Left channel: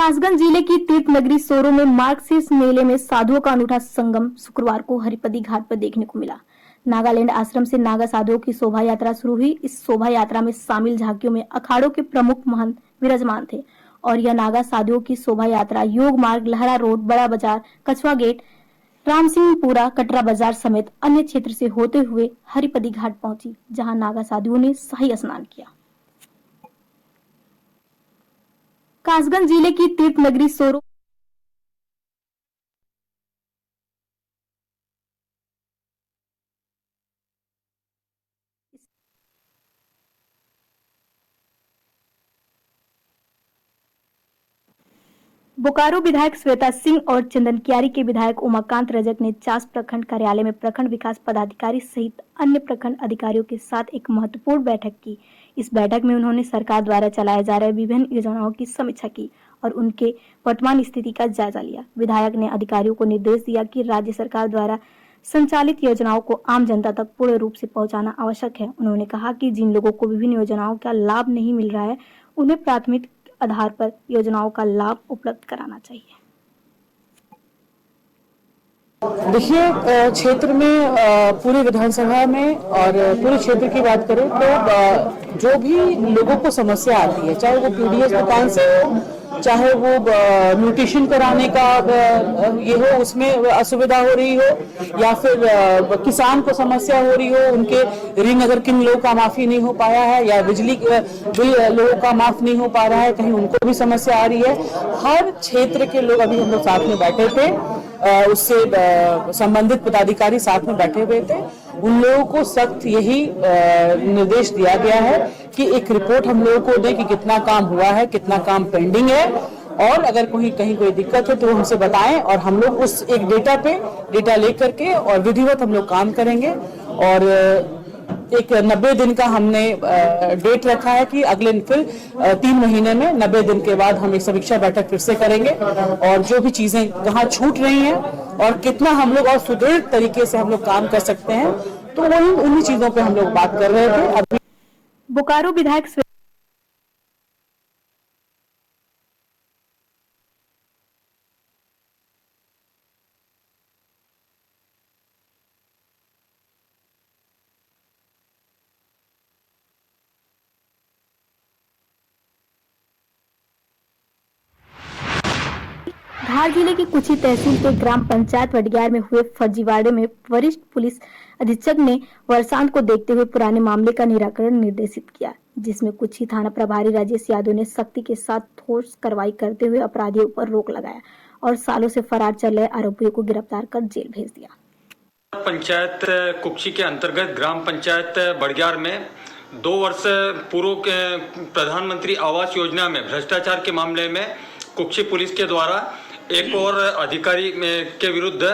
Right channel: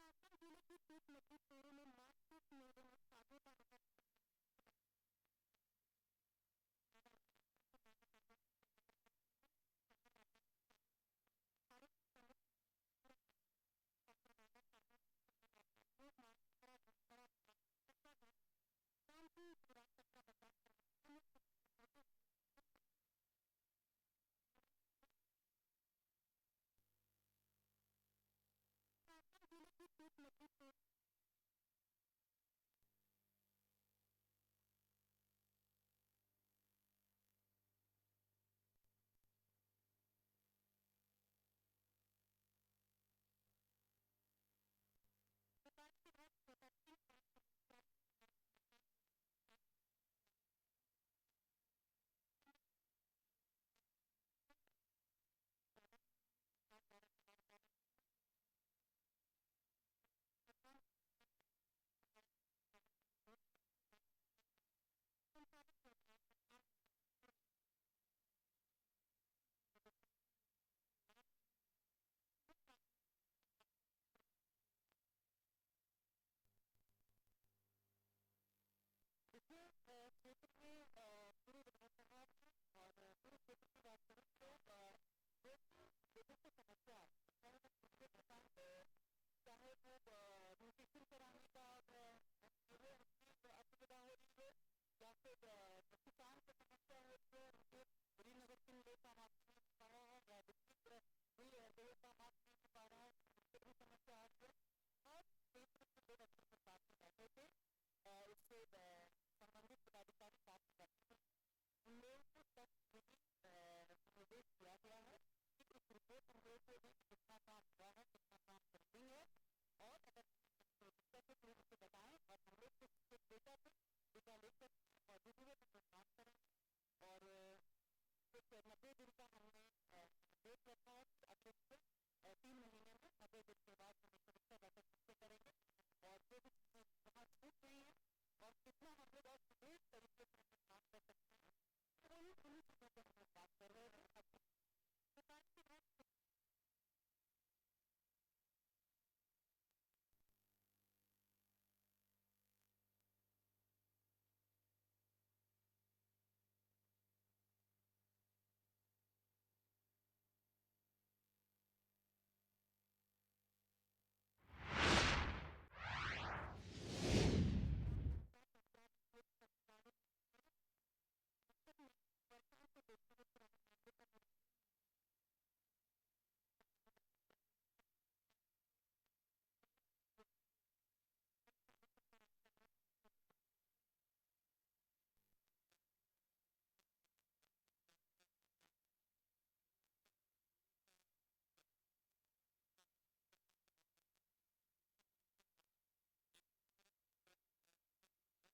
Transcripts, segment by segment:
कासगंज जिले की तीर्थ नगरी सोरो में मार्गशीर्ष मेले में साधुओं का अनूठा संगम शुक्रवार को हरिपदी घाट पर देखने को मिला। नागालैंड आश्रम से नागा साधुओं की शोभा यात्रा शुरू हुई। इस शोभा यात्रा में शामिल झांकियों में अखाड़ों के प्रमुख महंत विराजमान थे और यह नागा साधुओं की शोभा यात्रा योग मार्ग, लहरा रोड, बड़ा बाजार, कछुआ गेट, राम सिंहपुरा, कटरा बाजार समेत अन्य क्षेत्र से होते हुए हरिपदी घाट पहुंची, जहां नागा साधुओं ने शाही स्नान किया। कासगंज जिले की तीर्थ नगरी सोरो बोकारो विधायक श्वेता सिंह और चंदनकियारी के विधायक उमाकांत रजक ने चास प्रखंड कार्यालय में प्रखंड विकास पदाधिकारी सहित अन्य प्रखंड अधिकारियों के साथ एक महत्वपूर्ण बैठक की। इस बैठक में उन्होंने सरकार द्वारा चलाए जा रहे विभिन्न योजनाओं की समीक्षा की और उनके वर्तमान स्थिति का जायजा लिया। विधायक ने अधिकारियों को निर्देश दिया कि राज्य सरकार द्वारा संचालित योजनाओं को आम जनता तक पूर्ण रूप से पहुंचाना आवश्यक है। उन्होंने कहा कि जिन लोगों को विभिन्न योजनाओं का लाभ नहीं मिल रहा है, उन्हें प्राथमिक आधार पर योजनाओं का लाभ उपलब्ध कराना चाहिए। देखिए, क्षेत्र में पूरी विधानसभा में और पूरे क्षेत्र की बात करें तो जो भी लोगों को समस्या आती है, चाहे वो पीडीएस दुकान से हो, चाहे वो म्यूटेशन कराने का ये हो, उसमें असुविधा हो रही हो, या फिर किसान को समस्या हो रही हो, उनके ऋण अगर किन लोगों का माफी नहीं हो पाया है या बिजली बिल लोगों का माफ नहीं हो पा रहा है, कहीं उनको भी समस्या आ रही है। हर क्षेत्र के लोग अभी हम लोग साथ में बैठे थे, उससे संबंधित पदाधिकारी साथ में बैठे हुए थे। उन लोगों को सख्त यही निर्देश दिया गया है कि एक रिपोर्ट हम लोगों को दें कि कितना काम हुआ है, कितना काम पेंडिंग है, और अगर कहीं कोई दिक्कत है तो वो हमसे बताएं और हम लोग उस एक डेटा लेकर के और विधिवत हम लोग काम करेंगे। और एक 90 दिन का हमने डेट रखा है कि अगले फिर 3 महीने में 90 दिन के बाद हम एक समीक्षा बैठक फिर से करेंगे और जो भी चीजें कहाँ छूट रही हैं और कितना हम लोग और सुदृढ़ तरीके से हम लोग काम कर सकते हैं, तो वही उन्हीं चीजों पे हम लोग बात कर रहे थे। अभी बोकारो विधायक धार जिले की कुछी तहसील के ग्राम पंचायत वडग्यार में हुए फर्जीवाड़े में वरिष्ठ पुलिस अधीक्षक ने वर्षांत को देखते हुए पुराने मामले का निराकरण निर्देशित किया, जिसमें कुछी थाना प्रभारी राजेश यादव ने सख्ती के साथ ठोस कार्रवाई करते हुए अपराधियों पर रोक लगाया और सालों से फरार चल रहे आरोपियों को गिरफ्तार कर जेल भेज दिया। पंचायत कुक्षी के अंतर्गत ग्राम पंचायत बड़ग्यार में 2 वर्ष पूर्व के प्रधानमंत्री आवास योजना में भ्रष्टाचार के मामले में कुक्षी पुलिस के द्वारा एक और अधिकारी के विरुद्ध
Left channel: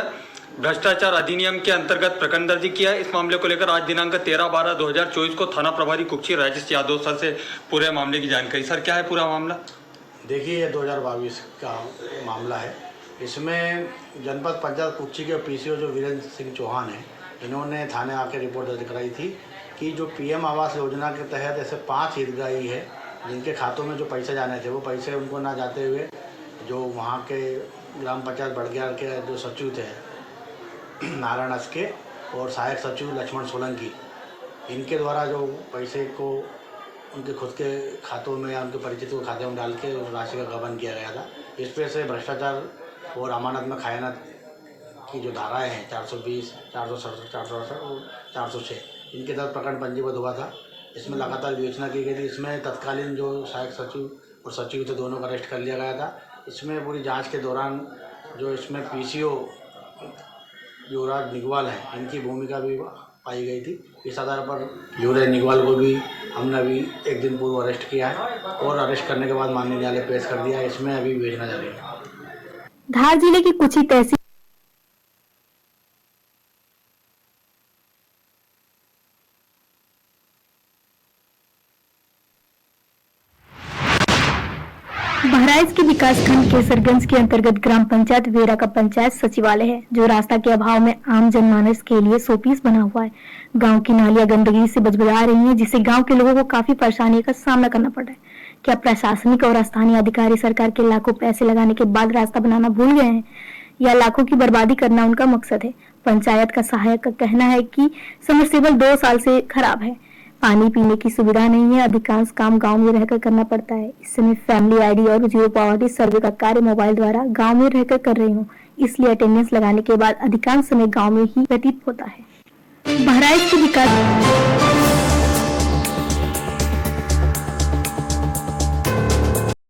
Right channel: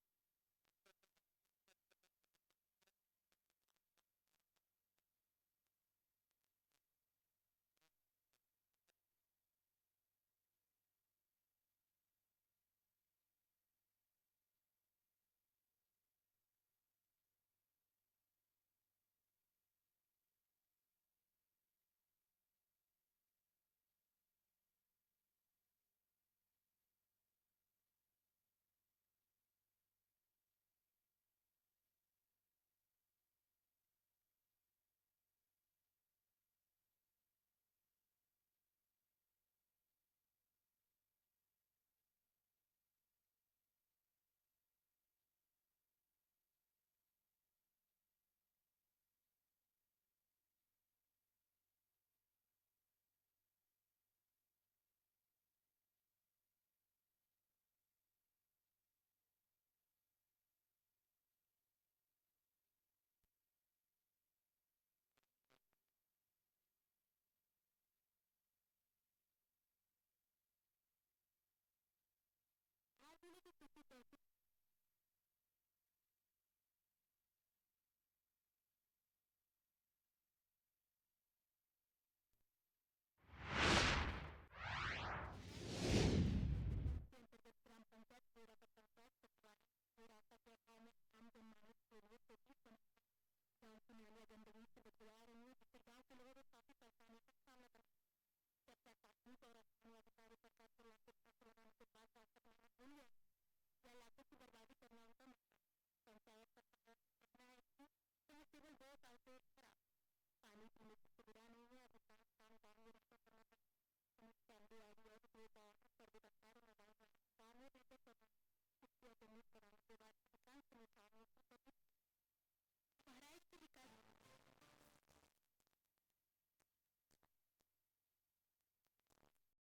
भ्रष्टाचार अधिनियम के अंतर्गत प्रकरण दर्ज किया है। इस मामले को लेकर आज दिनांक 13/12/2024 को थाना प्रभारी कुक्षी राजेश यादव सर से पूरे मामले की जानकारी। सर, क्या है पूरा मामला? देखिए, ये 2022 का मामला है। इसमें जनपद पंचायत कुक्षी के पीसीओ जो वीरेंद्र सिंह चौहान हैं, इन्होंने थाने आकर रिपोर्ट दर्ज कराई थी कि जो पीएम आवास योजना के तहत ऐसे 5 हितग्राही है जिनके खातों में जो पैसे जाने थे, वो पैसे उनको ना जाते हुए जो वहाँ के ग्राम पंचायत बड़ग्यार के जो सचिव थे नारायण अस्के और सहायक सचिव लक्ष्मण सोलंकी, इनके द्वारा जो पैसे को उनके खुद के खातों में या उनके परिचितों के खाते में डाल के उस राशि का गबन किया गया था। इस पे से भ्रष्टाचार और अमानत में खयानत की जो धाराएं हैं 420, 467, 468 और 406, इनके तहत प्रकरण पंजीबद्ध हुआ था। इसमें लगातार विवेचना की गई थी। इसमें तत्कालीन जो सहायक सचिव और सचिव थे, दोनों का अरेस्ट कर लिया गया था। इसमें पूरी जांच के दौरान जो इसमें पीसीओ युवराज निगवाल हैं, इनकी भूमिका भी पाई गई थी। इस आधार पर युवराज निगवाल को भी हमने अभी 1 दिन पूर्व अरेस्ट किया है और अरेस्ट करने के बाद माननीय न्यायालय पेश कर दिया है। इसमें अभी विवेचना जारी है। धार जिले की कुछी तहसील बहराइच के विकासखंड केसरगंज के अंतर्गत ग्राम पंचायत वेरा का पंचायत सचिवालय है, जो रास्ता के अभाव में आम जनमानस के लिए शोपीस बना हुआ है। गांव की नालियां गंदगी से बजबजा रही हैं, जिससे गांव के लोगों को काफी परेशानी का सामना करना पड़ रहा है। क्या प्रशासनिक और स्थानीय अधिकारी सरकार के लाखों पैसे लगाने के बाद रास्ता बनाना भूल गए हैं या लाखों की बर्बादी करना उनका मकसद है? पंचायत का सहायक का कहना है कि समरसेबल 2 साल से खराब है, पानी पीने की सुविधा नहीं है, अधिकांश काम गांव में रहकर करना पड़ता है। इस समय फैमिली आईडी और जीरो पावर्टी सर्वे का कार्य मोबाइल द्वारा गांव में रहकर कर रही हूँ, इसलिए अटेंडेंस लगाने के बाद अधिकांश समय गांव में ही व्यतीत होता है। बहराइच के विकास